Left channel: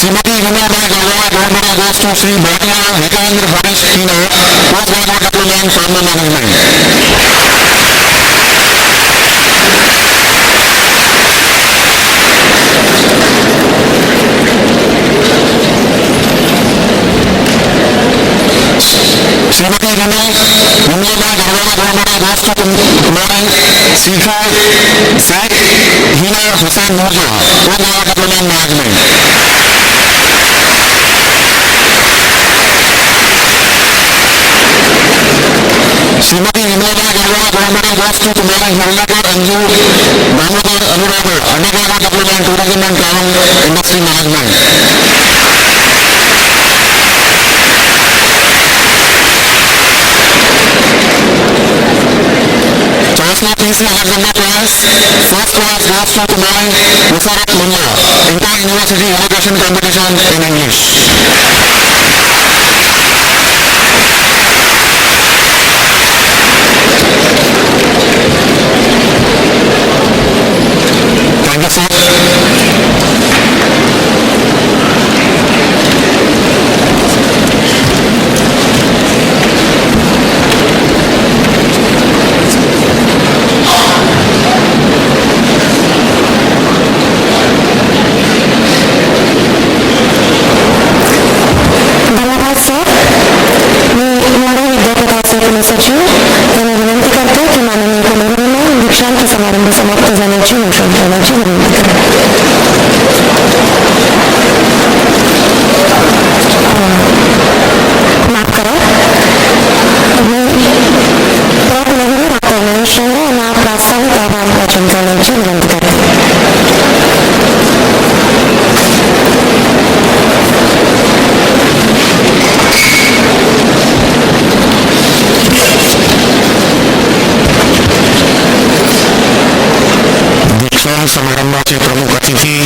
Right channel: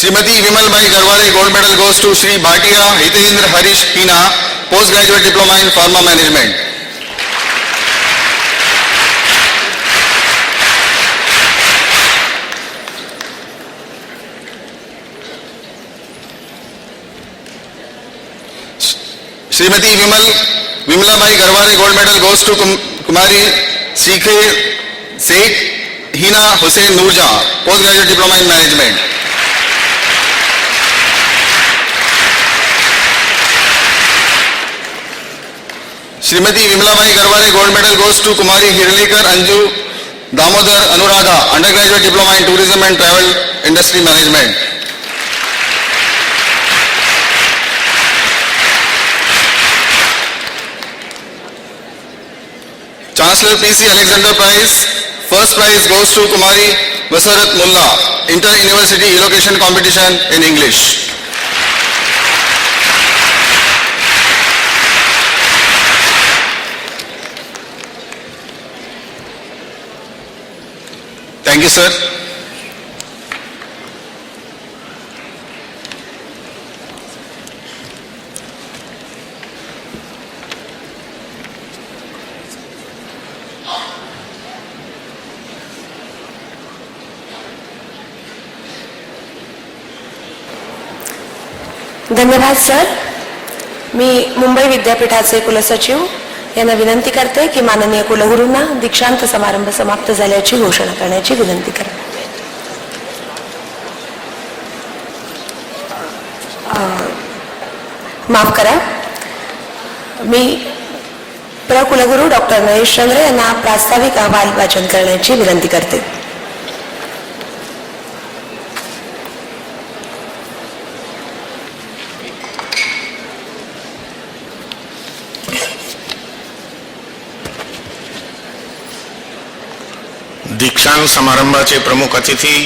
Shrimati Vimalbai Garware, gold medal goes to Shri Bhatia Hitendra Harish Hina, postgraduate diploma in pharma management. Shrimati Vimlabai Garware, gold medal goes to Kumari Sikhe Sheikh Hina Hussain Nurjahan, postgraduate diploma in management. Shrimati Vimlabai Garware, gold medal goes to Kumari Hirlekar Anju Damodar Anuradha, undergraduate diploma in tourism and travel industry management. Chancellor PC Alexander Prize, first prize goes to Kumari Vasarat Mulla, inter-university elocution competition in English. Thank you, sir. धन्यवाद sir. मी मुंबई विद्यापीठाचे कुलसचिव यांना विनंती करते की माननीय कुलगुरूंना दीक्षांत समारंभ समाप्त झाल्याची घोषणा करण्याची विनंती करते. माफ करा, मी कुलगुरू डॉक्टर नरेशचंद्र यांना प्रास्ताविक अहवाल वाचन करण्याची विनंती करते. दीक्षांत समारंभाचे प्रमुख अतिथी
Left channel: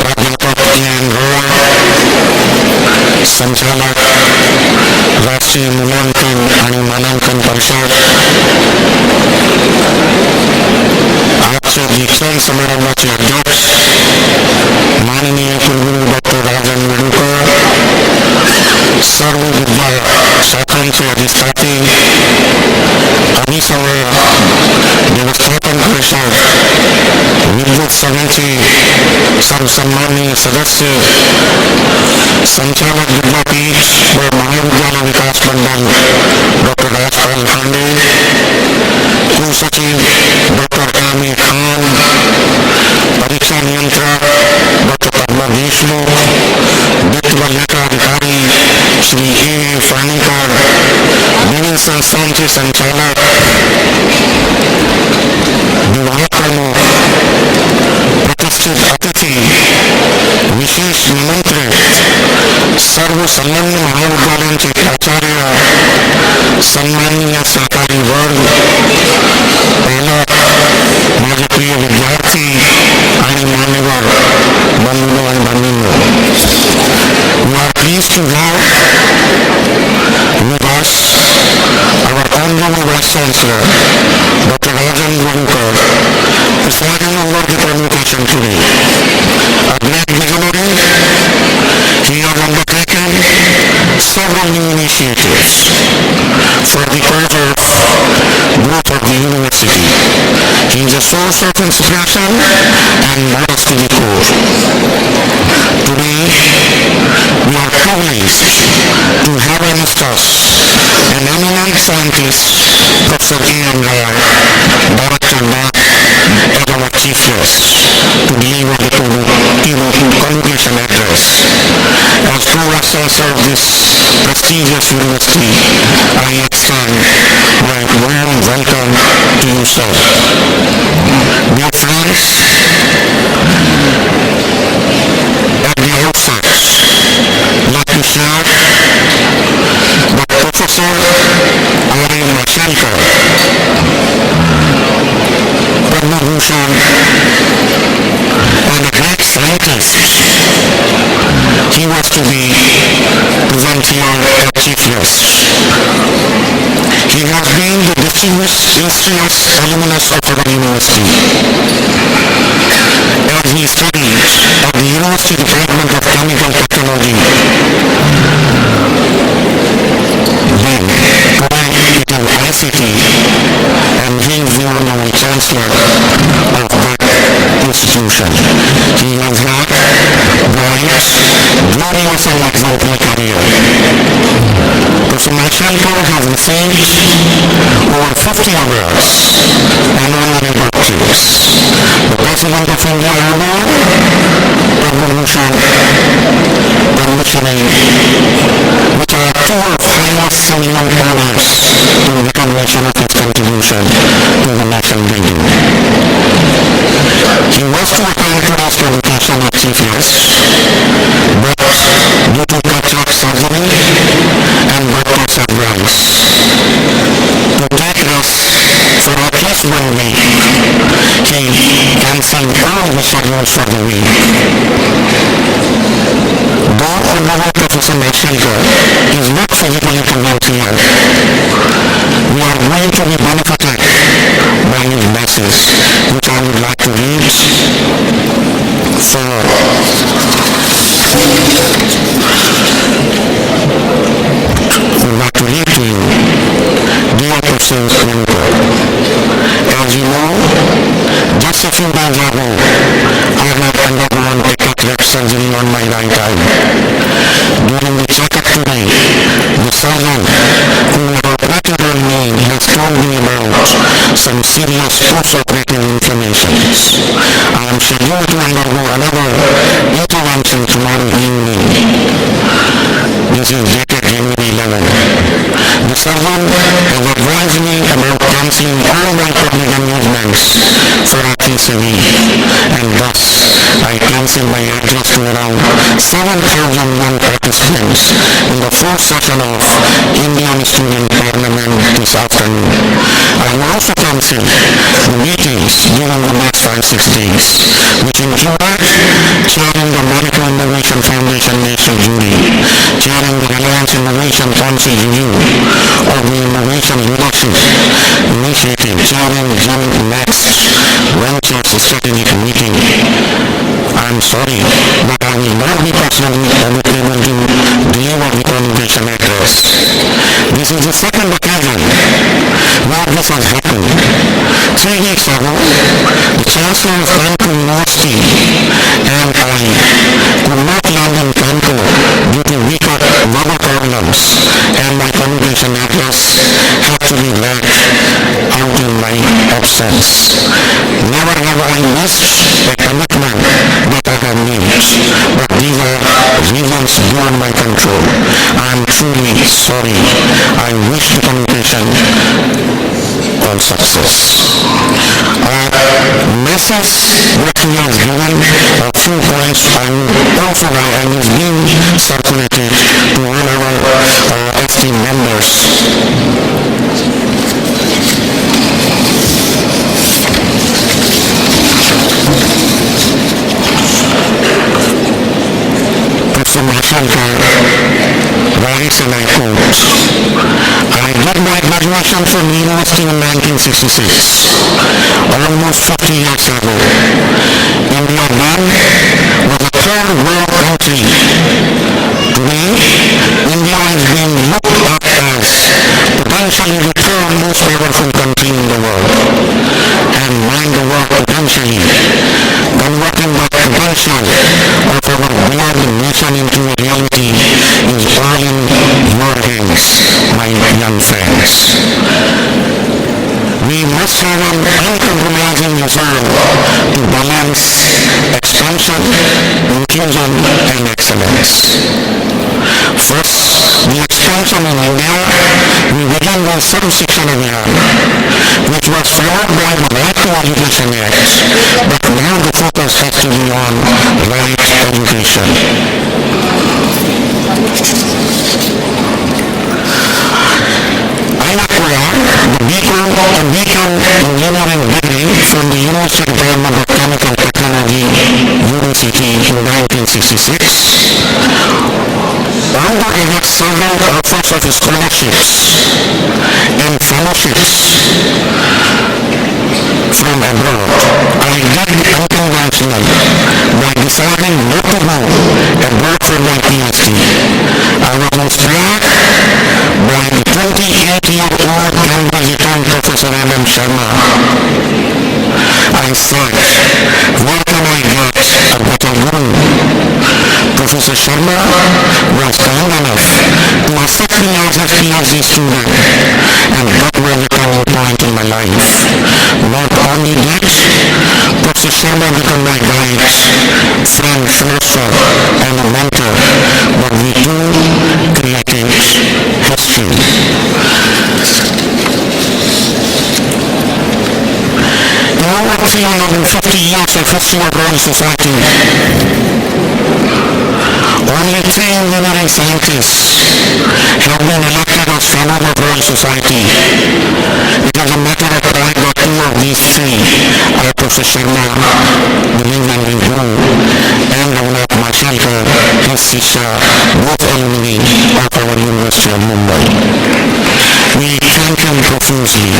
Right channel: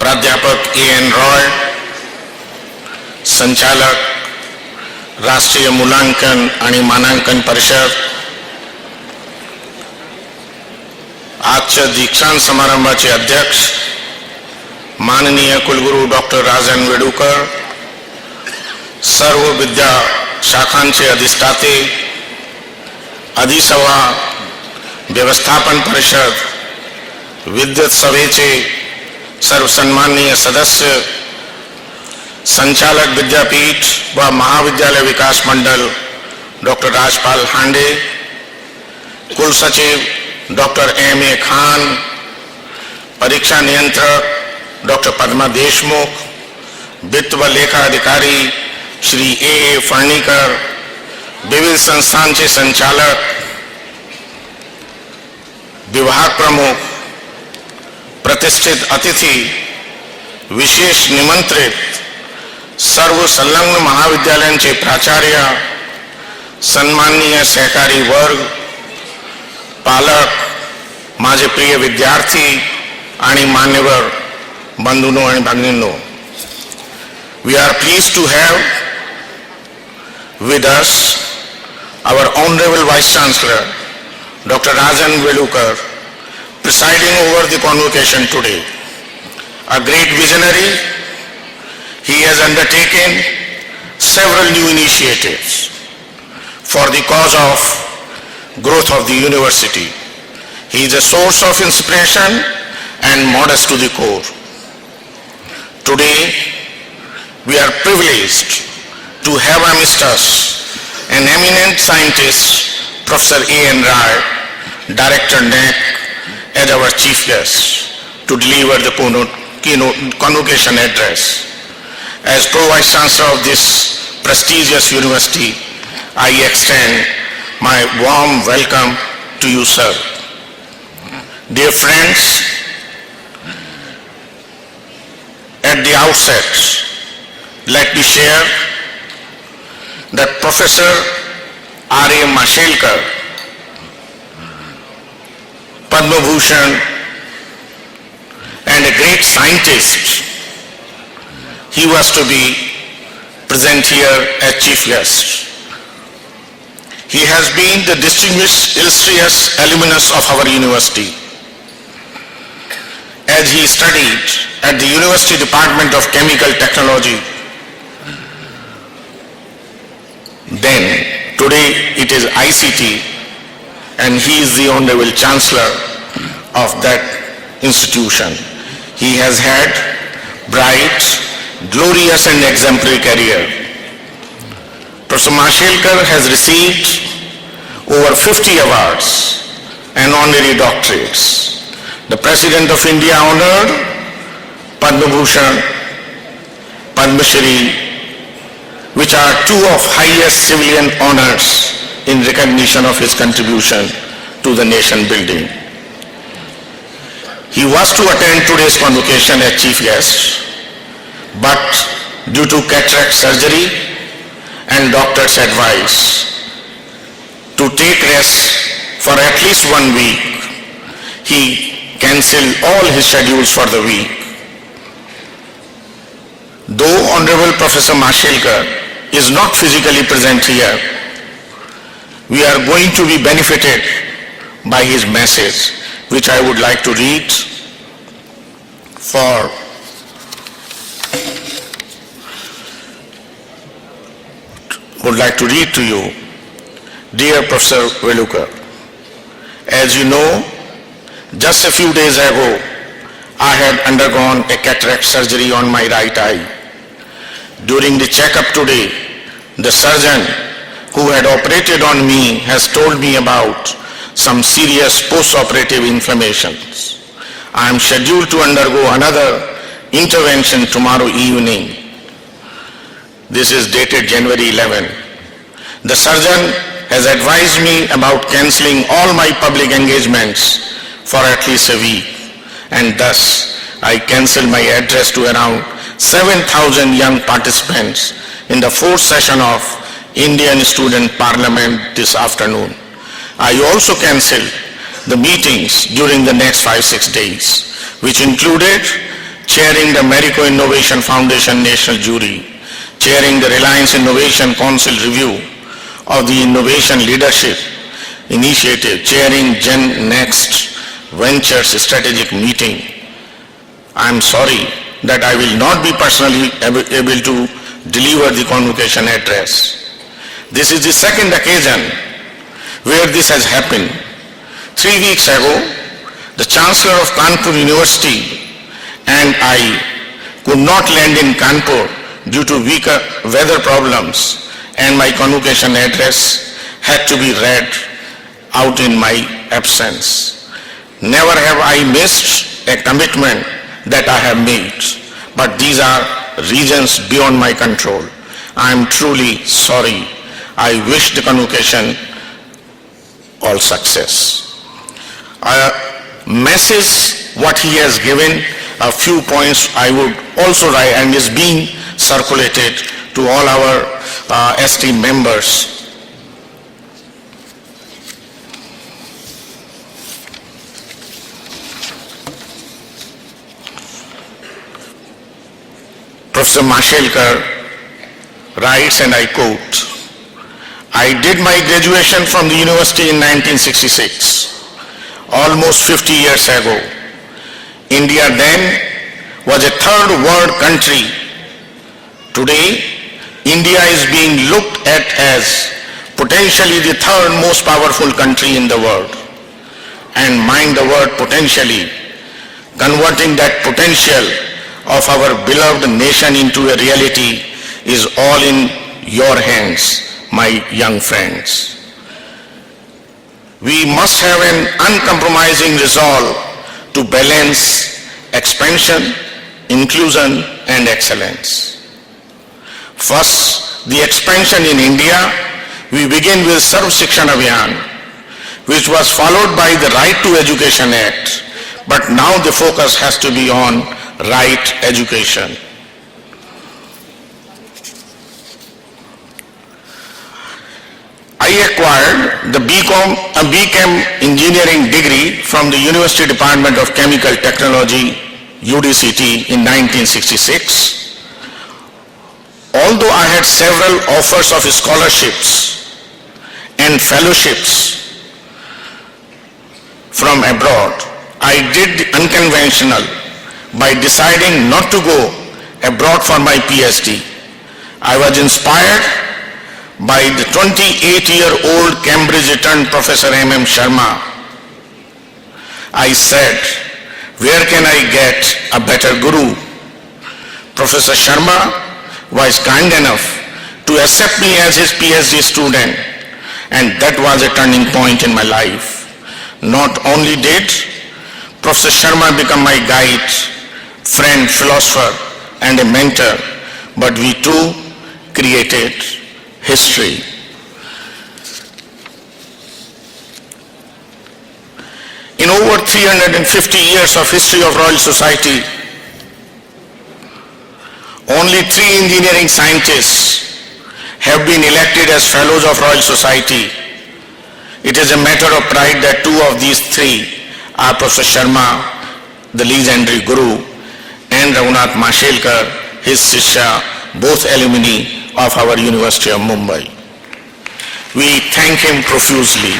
प्राध्यापक एन रॉय, संचालक राष्ट्रीय मूल्यांकन आणि मानांकन परिषद. आजच्या दीक्षांत समारंभाचे अध्यक्ष माननीय कुलगुरू डॉक्टर राजन वेडुकर, सर्व विद्या शाखांचे अधिष्ठाते, अधिसभा, व्यवस्थापन परिषद, विद्युत सभेचे सर्व सन्माननीय सदस्य, संचालक विद्यापीठ व महाविद्यालय विकास मंडल डॉक्टर राजपाल हांडे, कुलसचिव डॉक्टर M.A. खान, परीक्षा नियंत्रक डॉक्टर पद्मा देशमुख, वित्त व लेखा अधिकारी श्री A. फर्णीकर, विविध संस्थांचे संचालक, विभाग प्रमुख, प्रतिष्ठित अतिथी, विशेष निमंत्रित, सर्व संलग्न महाविद्यालयांचे प्राचार्य, सन्माननीय सहकारी वर्ग, पालक, माझे प्रिय विद्यार्थी आणि मान्यवर बंधूंनो आणि भगिनींनो, we are pleased to have with us our Honorable Vice Chancellor, Dr. Rajan Vedukar, presiding over the convocation today. A great visionary, he has undertaken several new initiatives for the cause of growth of the university. He is a source of inspiration and modest to the core. Today, we are privileged to have amongst us an eminent scientist, Professor A.N. Rai, Director NAC, as our chief guest to deliver the keynote convocation address. As Pro-Vice Chancellor of this prestigious university, I extend my warm welcome to you, sir. Dear friends, at the outset, let me share that Professor R.A. Mashelkar, Padma Bhushan, and a great scientist, he was to be present here as chief guest. He has been the distinguished illustrious alumnus of our university. as he studied at the University Department of Chemical Technology. Then, today it is ICT, and he is the Honorable Chancellor of that institution. He has had bright, glorious and exemplary career. Professor Mashelkar has received over 50 awards and honorary doctorates. The President of India honored Padma Bhushan, Padma Shri, which are two of highest civilian honors in recognition of his contribution to the nation building. He was to attend today's convocation as chief guest, but due to cataract surgery and doctor's advice to take rest for at least 1 week, he cancelled all his schedules for the week. Though Honorable Professor Mashelkar is not physically present here, we are going to be benefited by his message, which I would like to read to you. Dear Professor Velukar, as you know, just a few days ago, I had undergone a cataract surgery on my right eye. During the checkup today, the surgeon who had operated on me has told me about some serious post-operative inflammations. I am scheduled to undergo another intervention tomorrow evening. This is dated January 11. The surgeon has advised me about cancelling all my public engagements for at least a week, and thus I cancel my address to around 7,000 young participants in the fourth session of Indian Student Parliament this afternoon. I also cancel the meetings during the next 5-6 days, which included chairing the Marico Innovation Foundation National Jury, chairing the Reliance Innovation Council Review of the Innovation Leadership Initiative, chairing Gen Next Ventures Strategic Meeting. I am sorry that I will not be personally able to deliver the convocation address. This is the second occasion where this has happened. 3 weeks ago, the Chancellor of Kanpur University and I could not land in Kanpur due to weaker weather problems, and my convocation address had to be read out in my absence. Never have I missed a commitment that I have made, but these are reasons beyond my control. I am truly sorry. I wish the convocation all success. Message what he has given, a few points I would also write, and is being circulated to all our ST members. Professor Mashelkar writes, and I quote, I did my graduation from the university in 1966, almost 50 years ago. India then was a third world country. Today, India is being looked at as potentially the third most powerful country in the world. And mind the word potentially. Converting that potential of our beloved nation into a reality is all in your hands, my young friends. We must have an uncompromising resolve to balance expansion, inclusion, and excellence. First, the expansion in India, we begin with Sarv Shikshan Abhiyan, which was followed by the Right to Education Act, but now the focus has to be on right education. I acquired the BCom engineering degree from the University Department of Chemical Technology, UDCT, in 1966. Although I had several offers of scholarships and fellowships from abroad, I did unconventional by deciding not to go abroad for my PhD. I was inspired by the 28-year-old Cambridge returned Professor M.M. Sharma. I said, where can I get a better guru? Professor Sharma was kind enough to accept me as his PhD student, and that was a turning point in my life. Not only did Professor Sharma become my guide, friend, philosopher, and a mentor, but we too created history. In over 350 years of history of Royal Society, only 3 engineering scientists have been elected as Fellows of Royal Society. It is a matter of pride that 2 of these 3 are Professor Sharma, the legendary Guru, and Raghunath Mashelkar, his Shishya, both alumni of our University of Mumbai. We thank him profusely.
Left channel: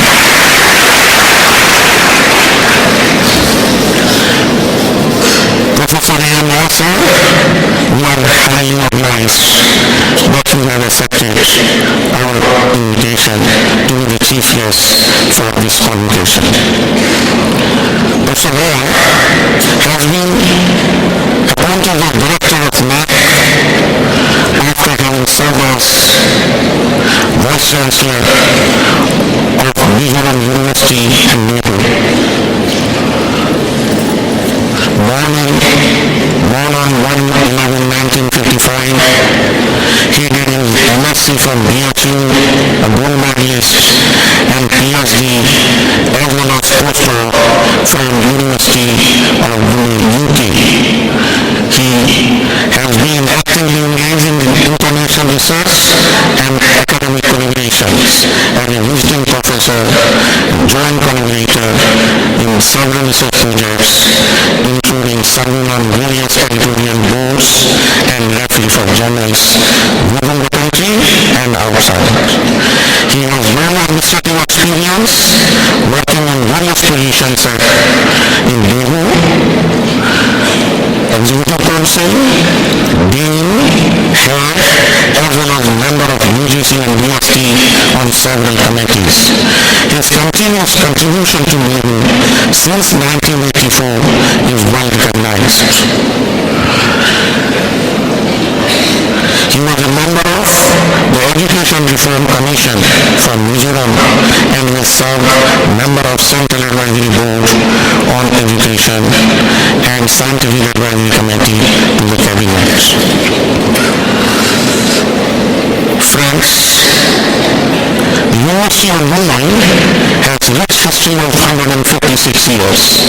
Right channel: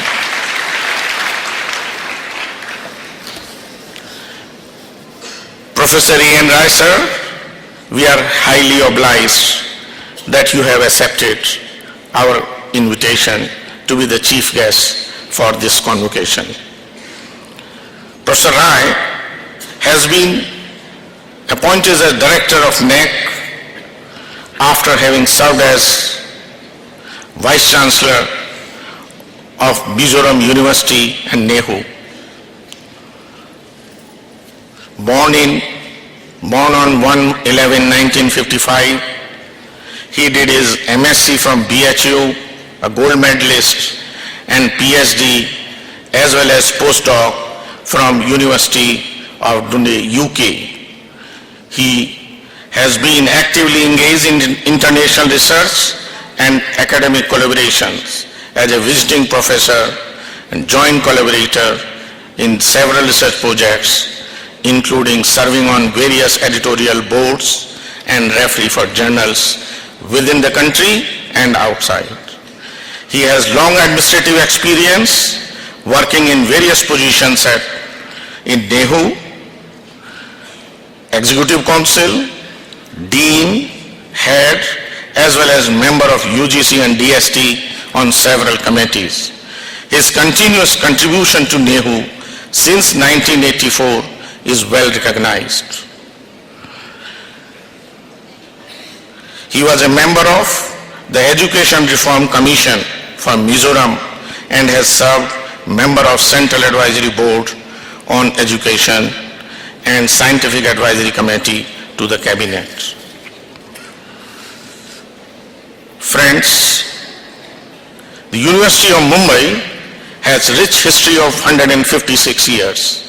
Professor E.N. Rai, sir, we are highly obliged that you have accepted our invitation to be the chief guest for this convocation. Professor Rai has been appointed as Director of NAC after having served as Vice Chancellor of Mizoram University and NEHU. Born on 1/11/1955, he did his MSc from BHU, a gold medalist, and PhD as well as postdoc from University of Dundee, UK. He has been actively engaged in international research and academic collaborations as a visiting professor and joint collaborator in several research projects, including serving on various editorial boards and referee for journals within the country and outside. He has long administrative experience working in various positions in NEHU, Executive Council, Dean, Head, as well as member of UGC and DST on several committees. His continuous contribution to NEHU since 1984 is well recognized. He was a member of the Education Reform Commission for Mizoram and has served member of Central Advisory Board on Education and Scientific Advisory Committee to the Cabinet. Friends, the University of Mumbai has rich history of 156 years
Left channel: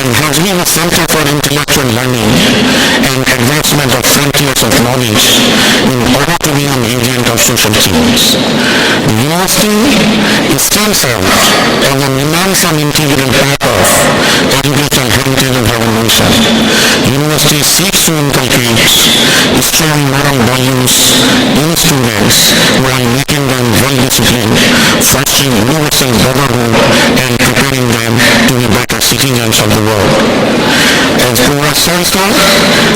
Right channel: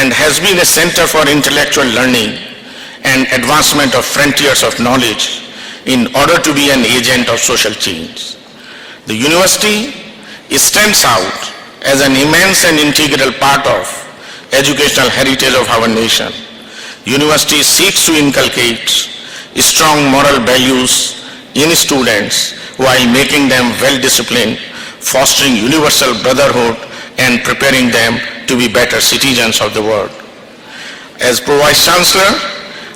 and has been a center for intellectual learning and advancement of frontiers of knowledge in order to be an agent of social change. The university stands out as an immense and integral part of educational heritage of our nation. University seeks to inculcate strong moral values in students while making them well-disciplined, fostering universal brotherhood and preparing them to be better citizens of the world. As Vice Chancellor,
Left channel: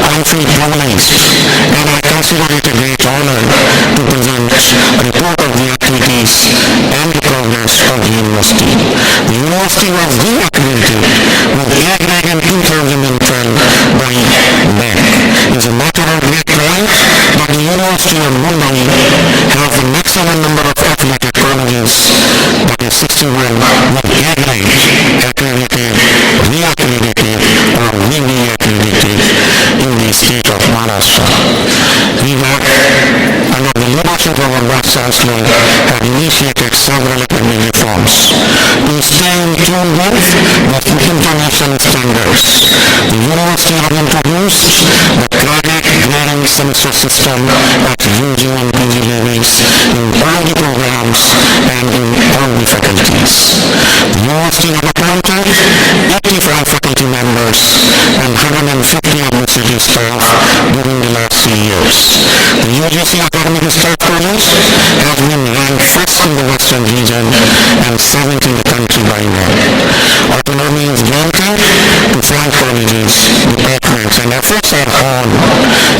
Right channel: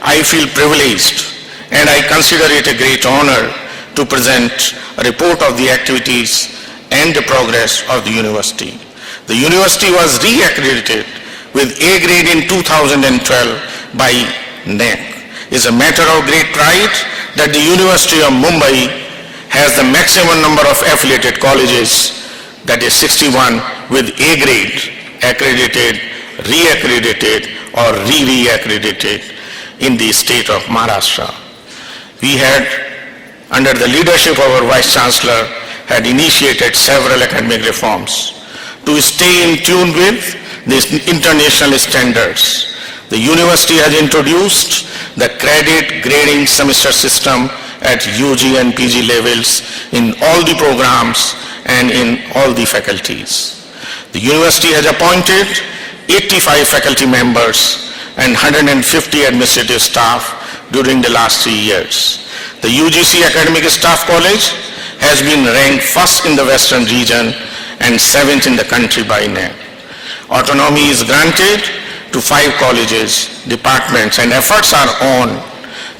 I feel privileged and I consider it a great honor to present a report of the activities and the progress of the university. The university was re-accredited with A grade in 2012 by NAC. It is a matter of great pride that the University of Mumbai has the maximum number of affiliated colleges, that is 61, with A grade accredited, re-accredited or re-accredited in the state of Maharashtra. We had, under the leadership of our Vice Chancellor, had initiated several academic reforms to stay in tune with the international standards. The university has introduced the credit grading semester system at UG and PG levels in all the programs and in all the faculties. The university has appointed 85 faculty members and 150 administrative staff during the last 3 years. The UGC Academic Staff College has been ranked first in the Western region and seventh in the country by NAC. Autonomy is granted to 5 colleges, departments, and efforts are on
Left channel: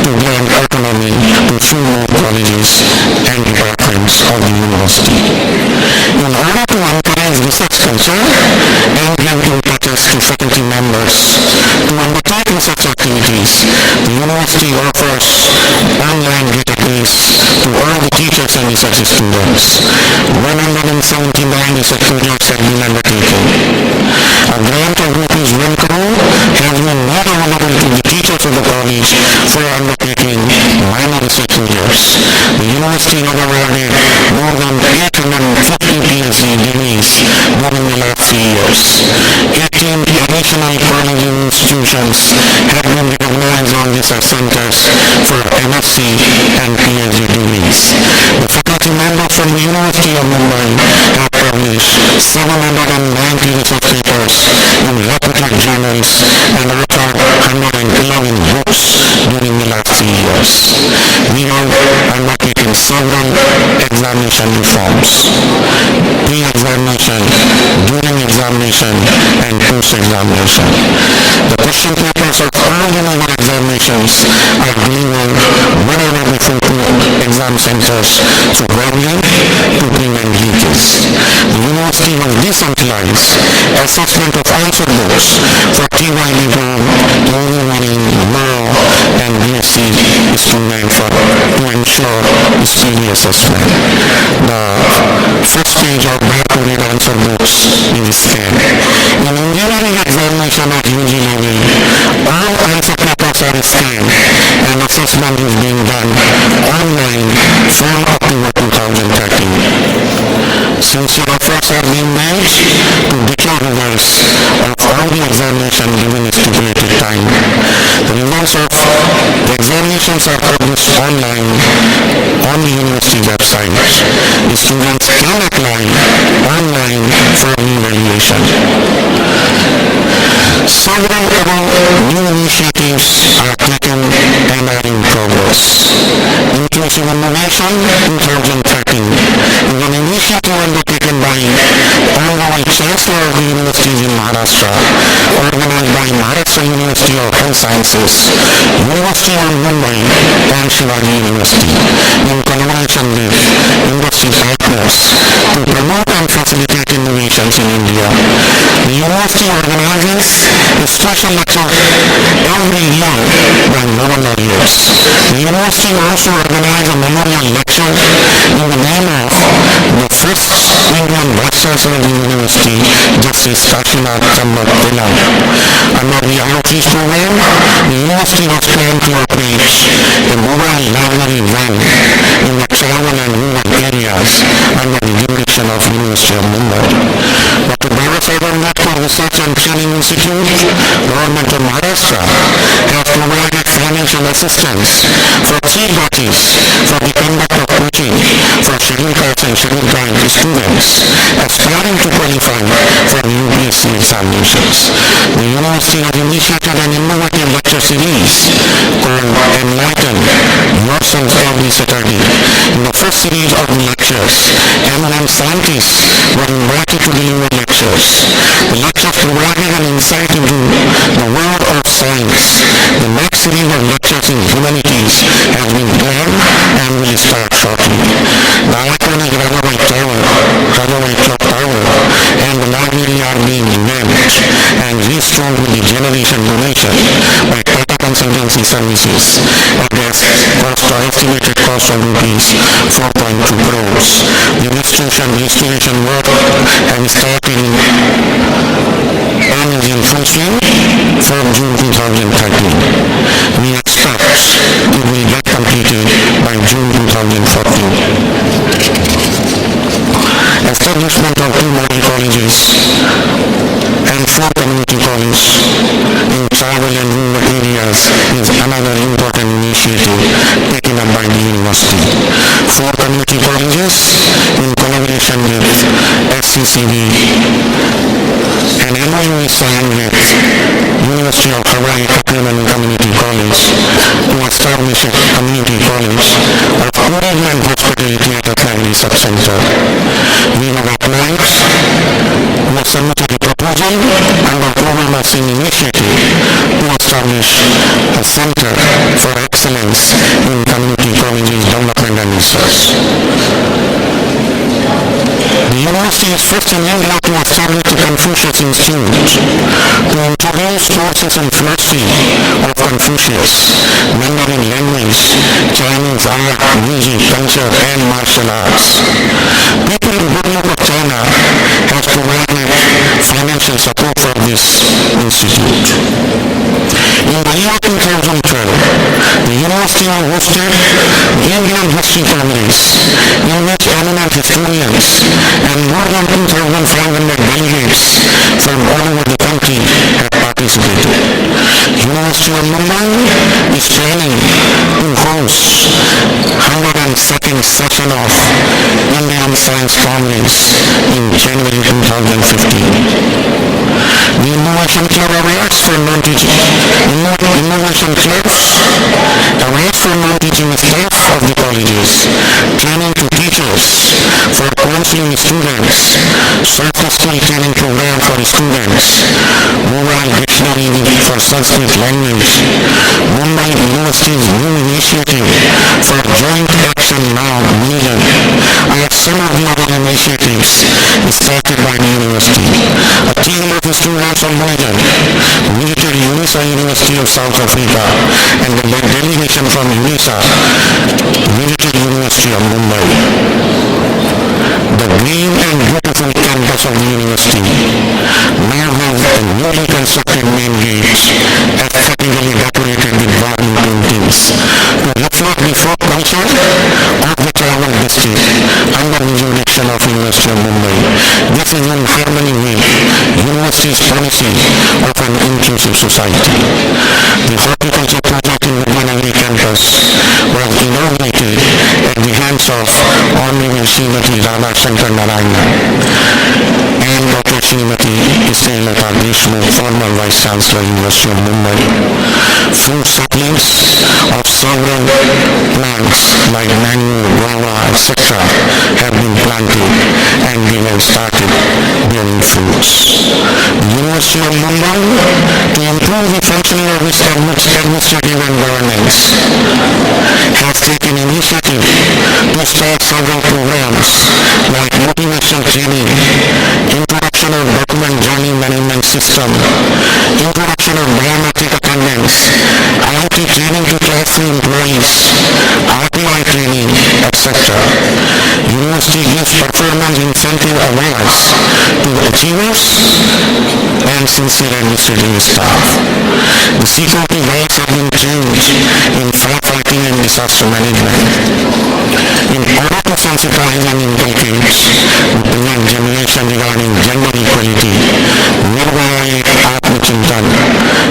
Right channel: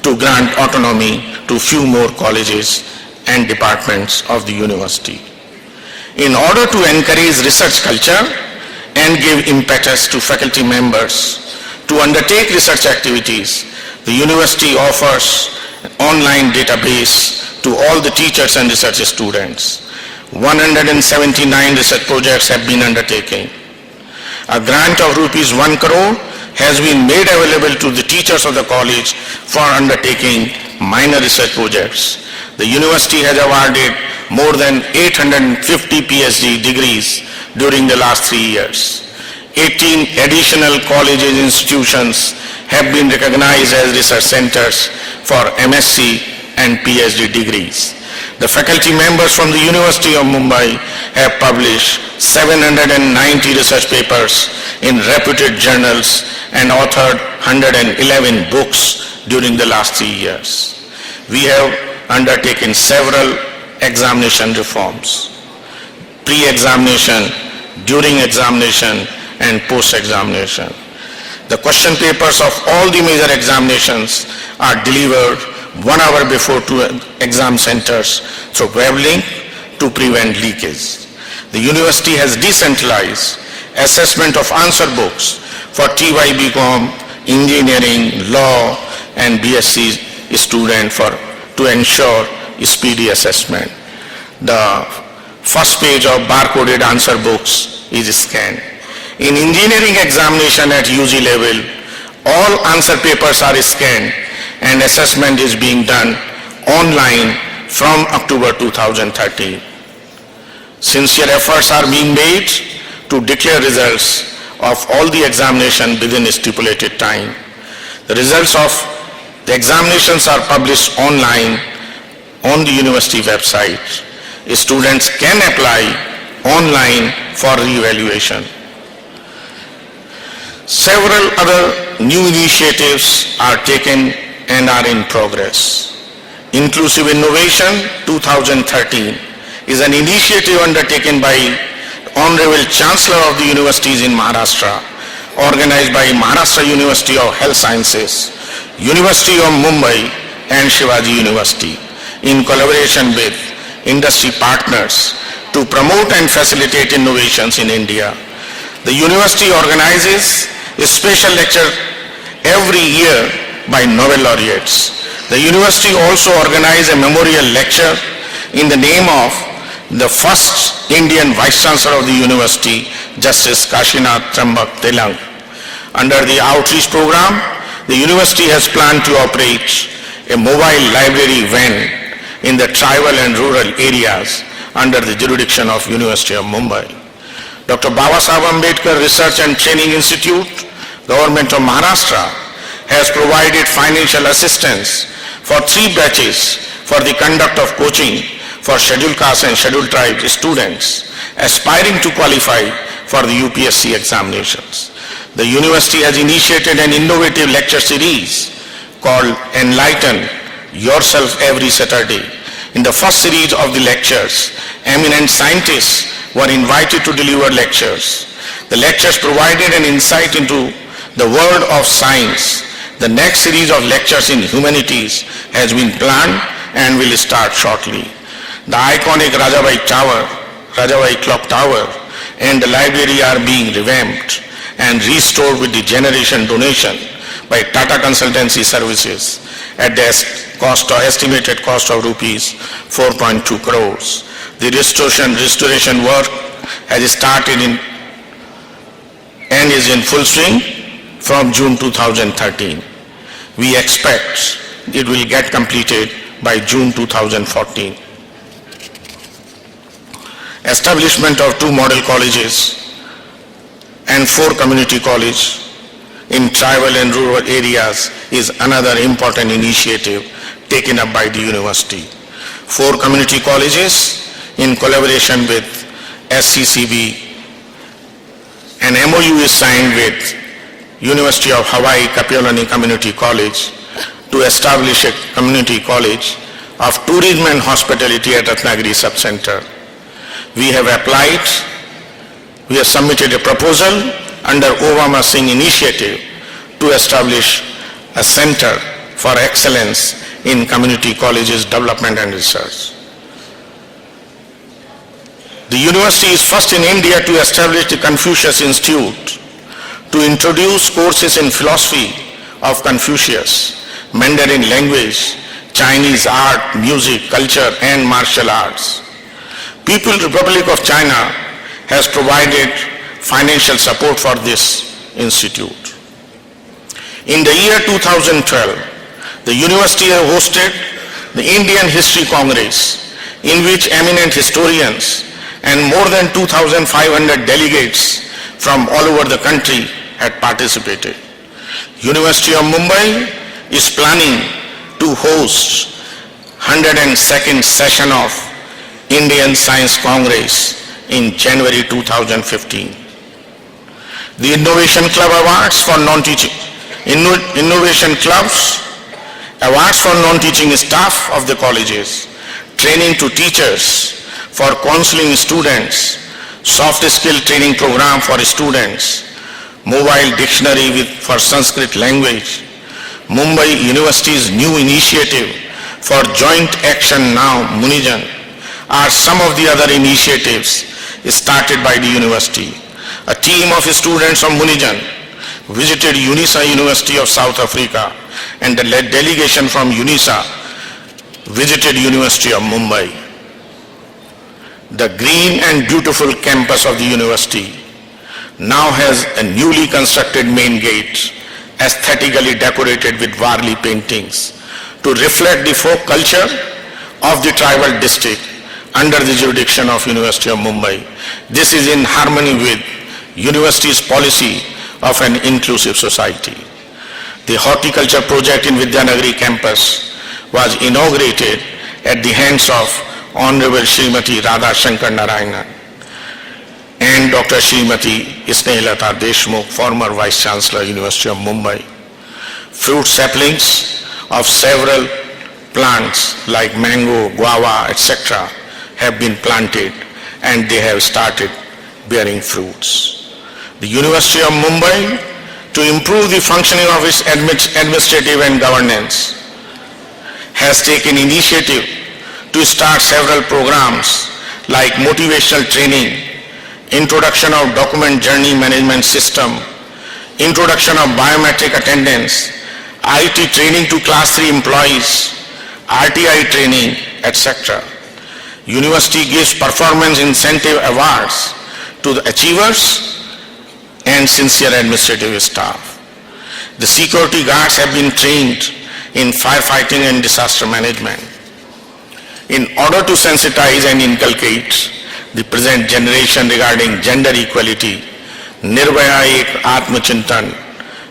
to grant autonomy to few more colleges and departments of the university. In order to encourage research culture and give impetus to faculty members to undertake research activities, the university offers online database to all the teachers and research students. 179 research projects have been undertaken. A grant of rupees 1 crore has been made available to the teachers of the college for undertaking minor research projects. The university has awarded more than 850 PhD degrees during the last 3 years. 18 additional colleges and institutions have been recognized as research centers for MSc and PhD degrees. The faculty members from the University of Mumbai have published 790 research papers in reputed journals and authored 111 books during the last 3 years. We have undertaken several examination reforms. Pre-examination, during examination, and post-examination. The question papers of all the major examinations are delivered 1 hour before to exam centers through web link to prevent leakage. The university has decentralized assessment of answer books for TY BCom, engineering, law, and BSc student to ensure speedy assessment. The first page of barcoded answer books is scanned. In engineering examination at UG level, all answer papers are scanned and assessment is being done online from October 2013. Sincere efforts are being made to declare results of all the examination within a stipulated time. The results of the examinations are published online on the university website. The students can apply online for re-evaluation. Several other new initiatives are taken and are in progress. Inclusive Innovation 2013 is an initiative undertaken by Honorable Chancellor of the Universities in Maharashtra, organized by Maharashtra University of Health Sciences, University of Mumbai, and Shivaji University, in collaboration with industry partners to promote and facilitate innovations in India. The university organizes a special lecture every year by Nobel laureates. The university also organizes a memorial lecture in the name of the first Indian Vice Chancellor of the university, Justice Kashinath Trambak Telang. Under the outreach program, the university has planned to operate a mobile library van in the tribal and rural areas under the jurisdiction of University of Mumbai. Dr. Babasaheb Ambedkar Research and Training Institute, Government of Maharashtra, has provided financial assistance for 3 batches for the conduct of coaching for scheduled caste and scheduled tribe students aspiring to qualify for the UPSC examinations. The university has initiated an innovative lecture series called Enlighten Yourself every Saturday. In the first series of the lectures, eminent scientists were invited to deliver lectures. The lectures provided an insight into the world of science. The next series of lectures in humanities has been planned and will start shortly. The iconic Rajabai Clock Tower and the library are being revamped and restored with the generation donation by Tata Consultancy Services at the estimated cost of rupees 4.2 crores. The restoration work has started and is in full swing from June 2013. We expect it will get completed by June 2014. Establishment of 2 model colleges and 4 community colleges in tribal and rural areas is another important initiative taken up by the university. 4 community colleges in collaboration with SCCB. An MOU is signed with University of Hawaii Kapiolani Community College to establish a community college of tourism and hospitality at Ratnagiri Subcenter. We have submitted a proposal under Obama Singh initiative to establish a center for excellence in community colleges development and research. The university is first in India to establish the Confucius Institute to introduce courses in philosophy of Confucius, Mandarin language, Chinese art, music, culture and martial arts. People's Republic of China has provided financial support for this institute. In the year 2012, the university hosted the Indian History Congress, in which eminent historians and more than 2,500 delegates from all over the country had participated. University of Mumbai is planning to host 102nd session of Indian Science Congress in January 2015. The Innovation Club Awards for Non-Teaching Innovation Clubs Awards for non-teaching staff of the colleges, training to teachers for counseling students, soft skill training program for students, mobile dictionary for Sanskrit language, Mumbai University's new initiative for Joint Action Now Munijan are some of the other initiatives started by the university. A team of students of Munijan visited UNISA University of South Africa and the delegation from UNISA visited University of Mumbai. The green and beautiful campus of the university now has a newly constructed main gate, aesthetically decorated with Varli paintings to reflect the folk culture of the tribal district under the jurisdiction of University of Mumbai. This is in harmony with university's policy of an inclusive society. The horticulture project in Vidyanagari campus was inaugurated at the hands of Honorable Srimati Radha Shankar Narayana and Dr. Srimati Snehalata Deshmukh, former Vice Chancellor, University of Mumbai. Fruit saplings of several plants like mango, guava, etc. have been planted and they have started bearing fruits. The University of Mumbai, to improve the functioning of its administrative and governance, has taken initiative to start several programs like motivational training, introduction of document journey management system, introduction of biometric attendance, IT training to class 3 employees, RTI training, etc. University gives performance incentive awards to the achievers and sincere administrative staff. The security guards have been trained in firefighting and disaster management. In order to sensitize and inculcate the present generation regarding gender equality, Nirbhaya Ek Atmachintan,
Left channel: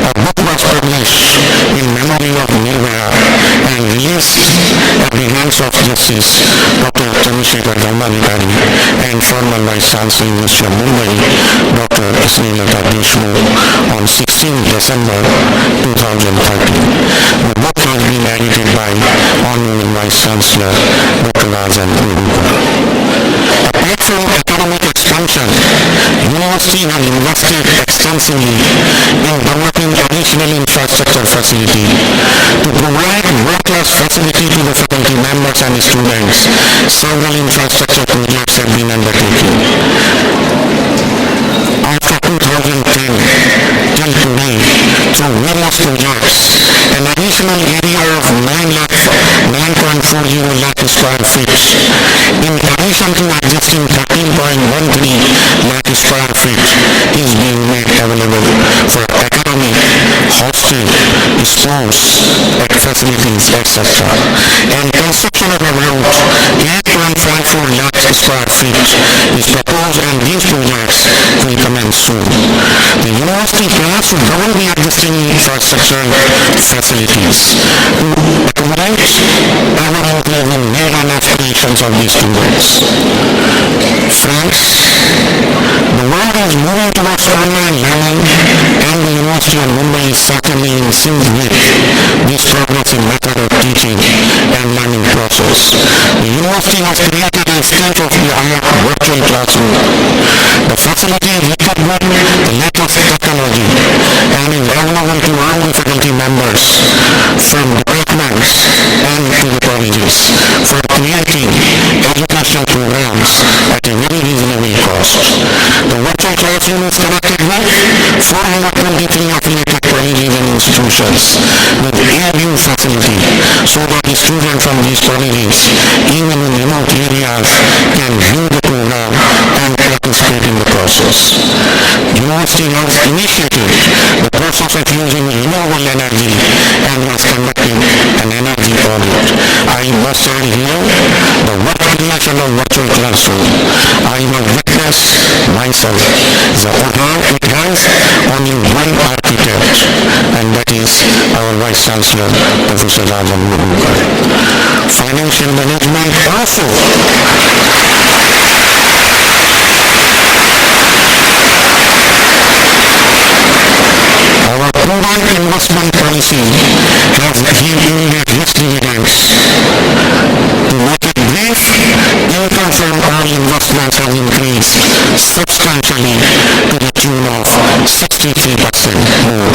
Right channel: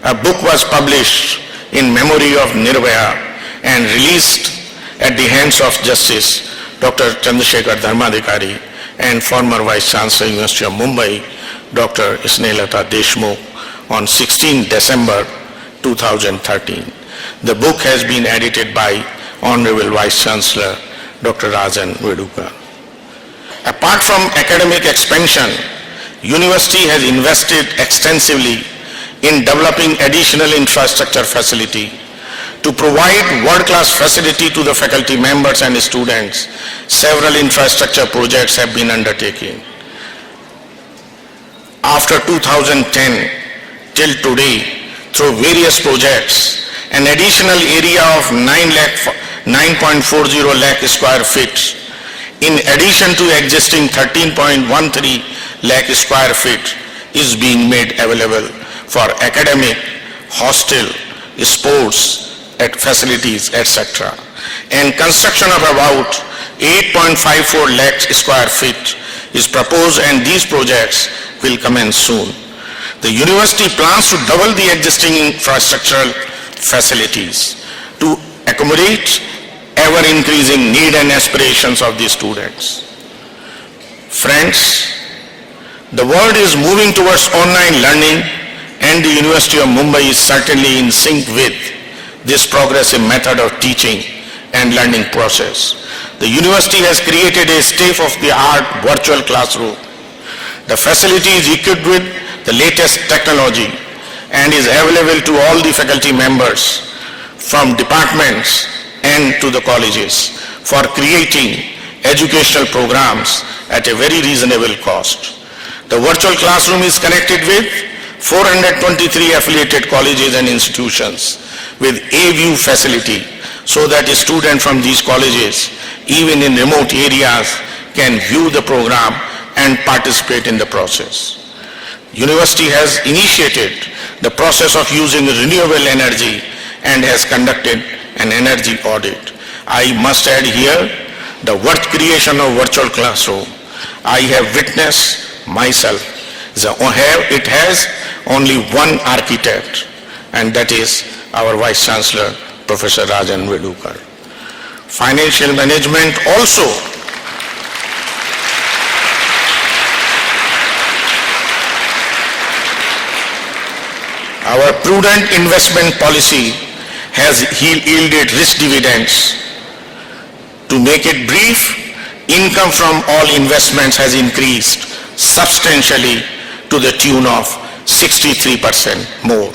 a book was published in memory of Nirbhaya and released at the hands of Justice Dr. Chandrasekhar Dharmadhikari and former Vice Chancellor, University of Mumbai, Dr. Snehalata Deshmukh on 16 December 2013. The book has been edited by Honorable Vice Chancellor Dr. Rajan Vedukar. Apart from academic expansion, university has invested extensively in developing additional infrastructure facility to provide world-class facility to the faculty members and students. Several infrastructure projects have been undertaken. After 2010 till today, through various projects, an additional area of 9.40 lakh square feet, in addition to existing 13.13 lakh square feet, is being made available for academic, hostel, sports, at facilities, etc. And construction of about 8.54 lakh square feet is proposed, and these projects will commence soon. The university plans to double the existing infrastructural facilities to accommodate ever-increasing need and aspirations of the students. Friends, The world is moving towards online learning, and the University of Mumbai is certainly in sync with this progressive method of teaching and learning process. The university has created a state-of-the-art virtual classroom. The facility is equipped with the latest technology and is available to all the faculty members from departments and to the colleges for creating educational programs at a very reasonable cost. The virtual classroom is connected with 423 affiliated colleges and institutions with A-View facility so that a student from these colleges, even in remote areas, can view the program and participate in the process. University has initiated the process of using renewable energy and has conducted an energy audit. I must add here the creation of virtual classroom. I have witnessed myself. It has only one architect, and that is our Vice Chancellor, Professor Rajan Vibhukar. Financial management also. Our prudent investment policy has yielded rich dividends. To make it brief, income from all investments has increased substantially to the tune of 63% more.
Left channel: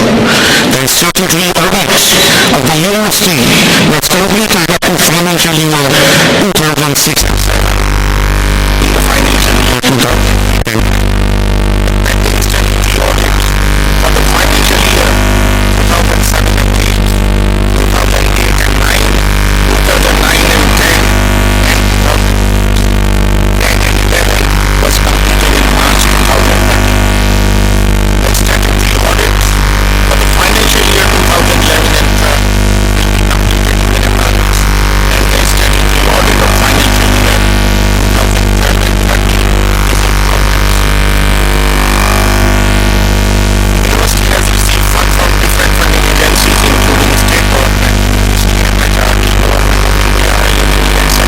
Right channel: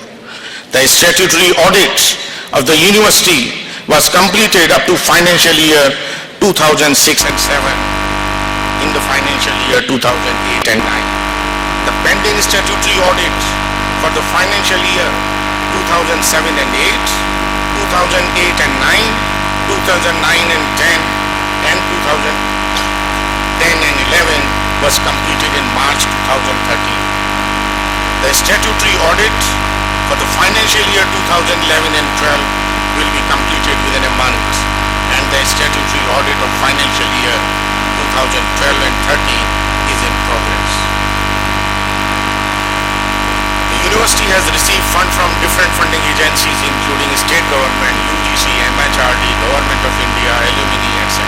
The statutory audit of the university was completed up to financial year 2006 and 7 in the financial year 2008 and 9. The pending statutory audit for the financial year 2007 and 8, 2008 and 9, 2009 and 10 and 2010 and 11 was completed in March 2013. The statutory audit for the financial year 2011 and 12 will be completed within a month, and the statutory audit of financial year 2012 and 13 is in progress. The university has received funds from different funding agencies including state government, UGC, MHRD, Government of India, alumni, etc.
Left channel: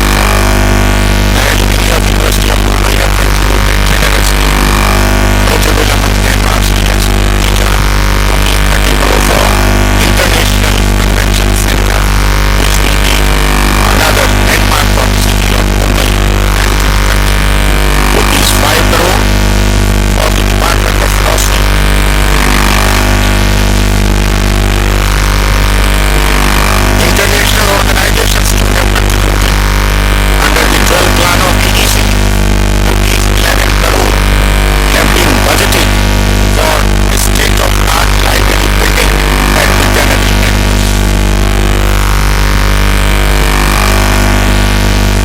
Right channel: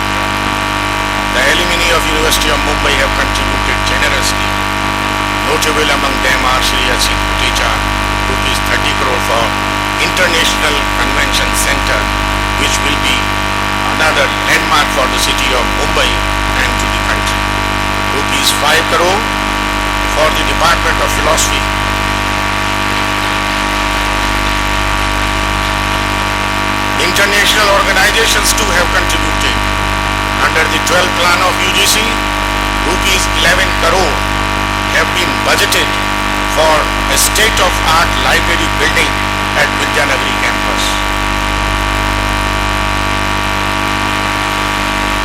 The alumni of University of Mumbai have contributed generously. Notable among them are Sri H.C. Teacher, rupees 30 crore for International Convention Center, which will be another landmark for the city of Mumbai and to the country. Rupees 5 crore for the Department of Philosophy. International organizations too have contributed. Under the 12th plan of UGC, rupees 11 crore have been budgeted for a state-of-art library building at Vidyanagari campus.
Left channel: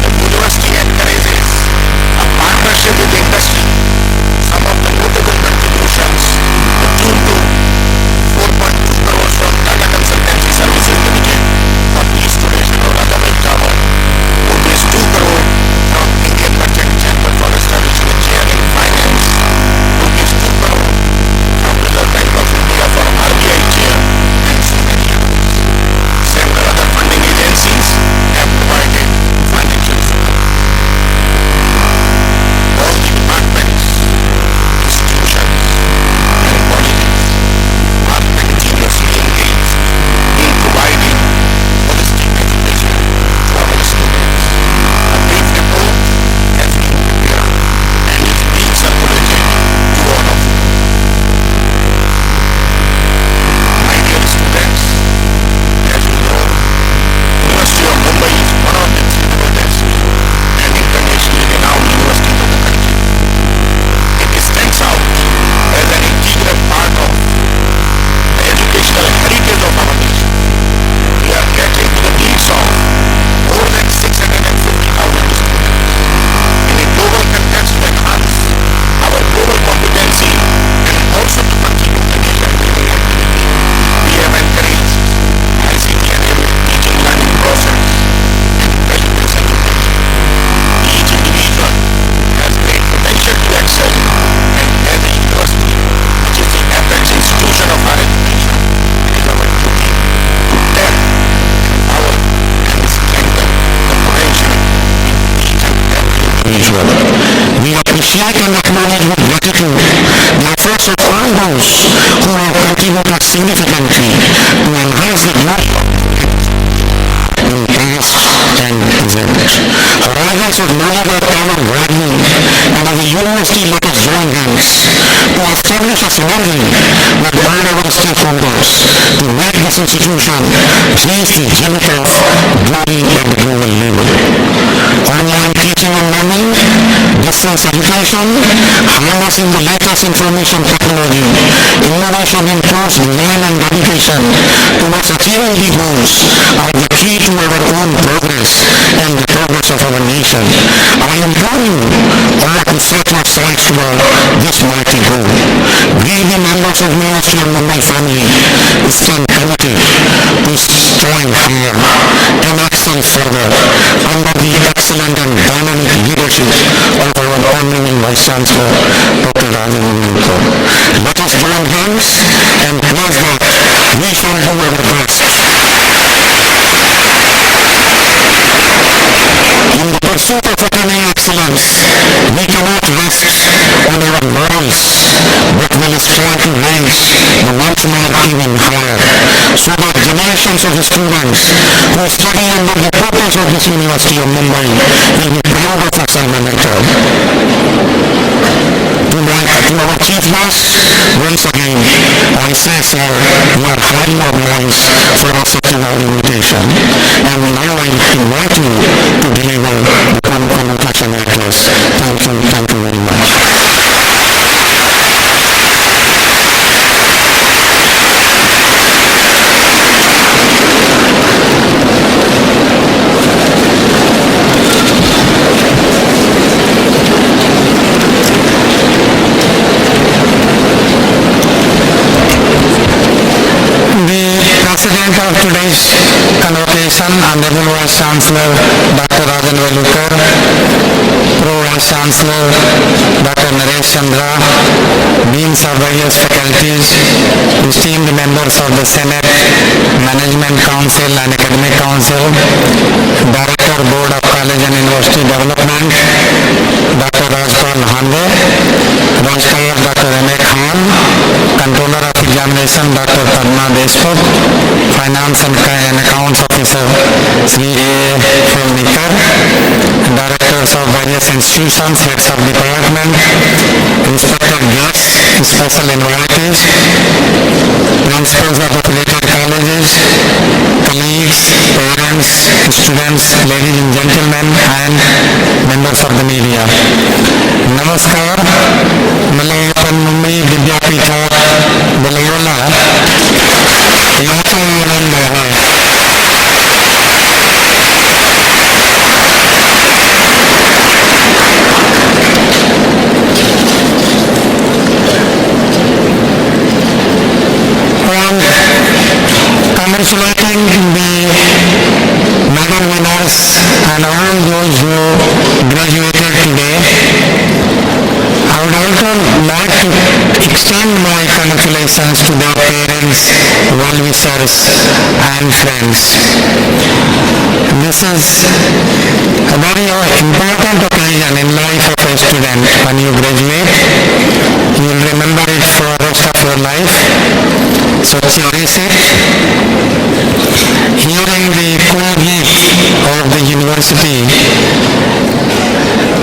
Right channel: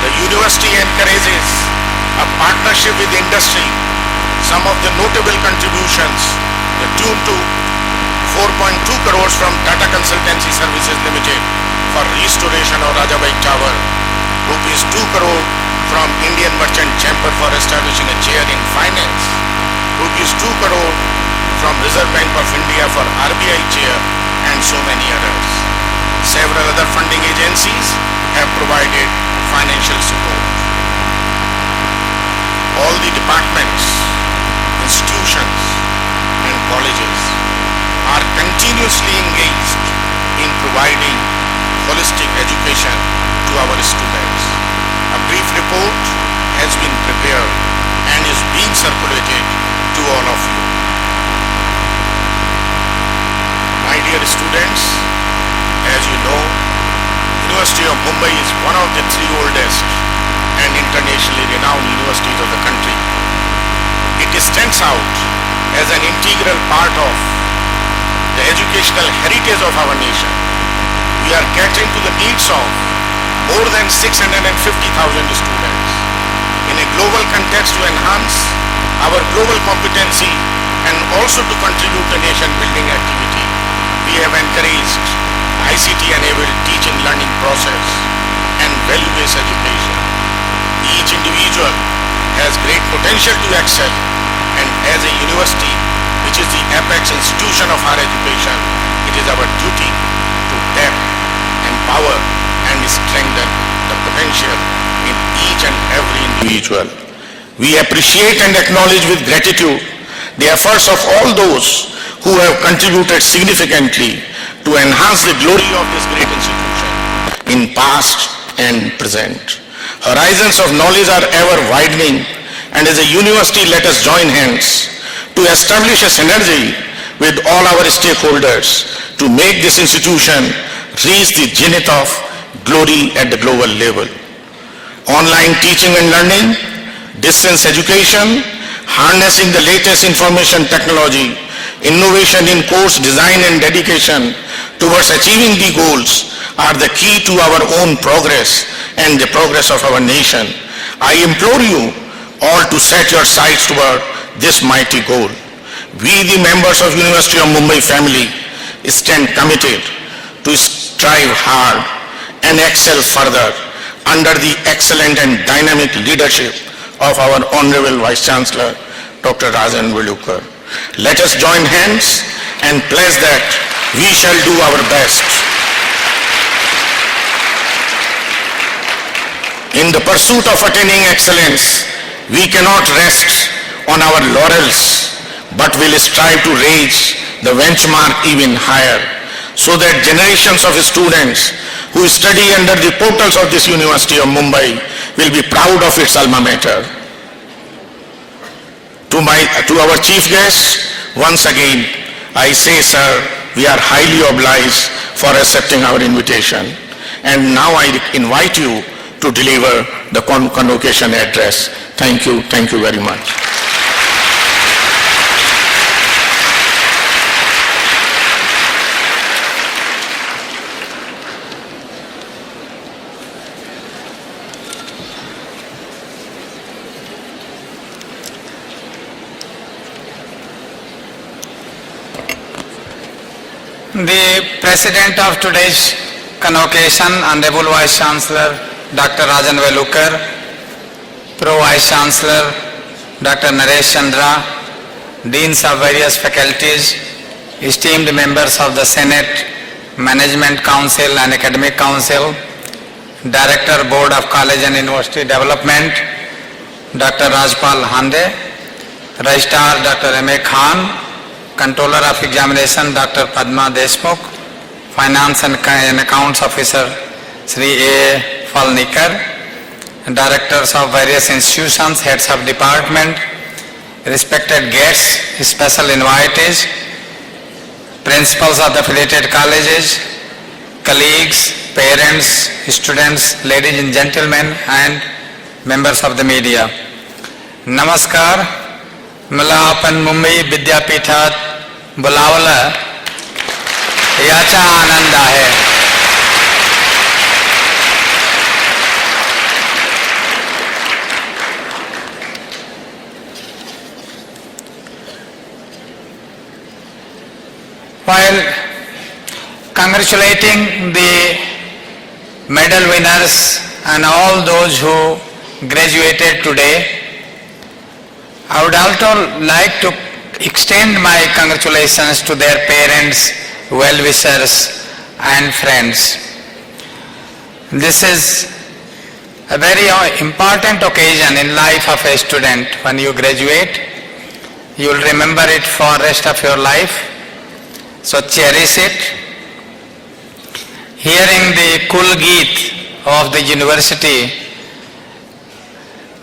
The university encourages a partnership with industry. Some of the notable contributions, the tune to 4.2 crores from Tata Consultancy Services Limited for restoration of Rajabai Tower, rupees 2 crore from Indian Merchant Chamber for establishing a chair in finance, rupees 2 crore from Reserve Bank of India for RBI chair, and so many others. Several other funding agencies have provided financial support. All the departments, institutions, and colleges are continuously engaged in providing holistic education to our students. A brief report has been prepared and is being circulated to all of you. My dear students, as you know, University of Mumbai is one of the three oldest and internationally renowned universities of the country. It stands out as an integral part of the educational heritage of our nation. We are catering to the needs of more than 650,000 students. In a global context to enhance our global competency and also to contribute to nation building activity, we have encouraged ICT-enabled teaching learning process and value-based education. Each individual has great potential to excel, and as a university, which is the apex institution of higher education, it is our duty to tap, empower, and strengthen the potential in each and every individual. We appreciate and acknowledge with gratitude the efforts of all those who have contributed significantly to enhance the glory of this great institution in past and present. Horizons of knowledge are ever widening, and as a university, let us join hands to establish a synergy with all our stakeholders to make this institution reach the zenith of glory at the global level. Online teaching and learning, distance education, harnessing the latest information technology, innovation in course design and dedication towards achieving the goals are the key to our own progress and the progress of our nation. I implore you all to set your sights toward this mighty goal. We, the members of University of Mumbai family, stand committed to strive hard and excel further under the excellent and dynamic leadership of our Honorable Vice Chancellor, Dr. Rajan Velukar. Let us join hands and pledge that we shall do our best in the pursuit of attaining excellence. We cannot rest on our laurels, but will strive to raise the benchmark even higher, so that generations of students who study under the portals of this University of Mumbai will be proud of its alma mater. To our chief guest, once again, I say, sir, we are highly obliged for accepting our invitation. And now I invite you to deliver the convocation address. Thank you very much. The President of today's convocation, Honorable Vice Chancellor Dr. Rajan Velukar, Pro Vice Chancellor Dr. Naresh Chandra, Deans of various faculties, esteemed members of the Senate, Management Council and Academic Council, Director Board of College and University Development, Dr. Rajpal Hande, Registrar Dr. M.A. Khan, Controller of Examination Dr. Padma Deshmukh, Finance and Accounts Officer Sri A. Falnikar, Directors of various institutions, Heads of Department, respected guests, special invitees, Principals of the affiliated colleges, colleagues, parents, students, ladies and gentlemen, and members of the media. नमस्कार. मला आपण मुंबई विद्यापीठात बोलावलं याचा आनंद आहे. While congratulating the medal winners and all those who graduated today, I would also like to extend my congratulations to their parents, well-wishers and friends. This is a very important occasion in life of a student. When you graduate, you will remember it for the rest of your life. So cherish it. Hearing the Kul Geet of the university,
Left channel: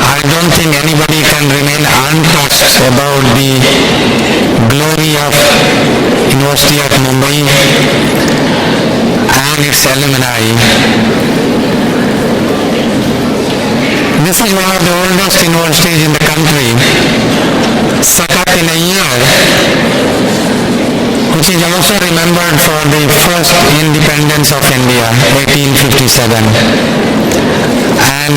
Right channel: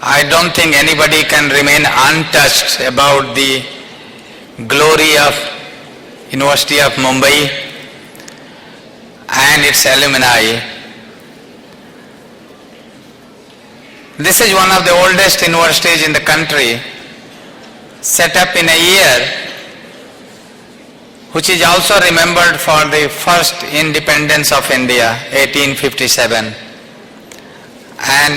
I don't think anybody can remain untouched about the glory of University of Mumbai and its alumni. This is one of the oldest universities in the country, set up in a year which is also remembered for the first independence of India, 1857. And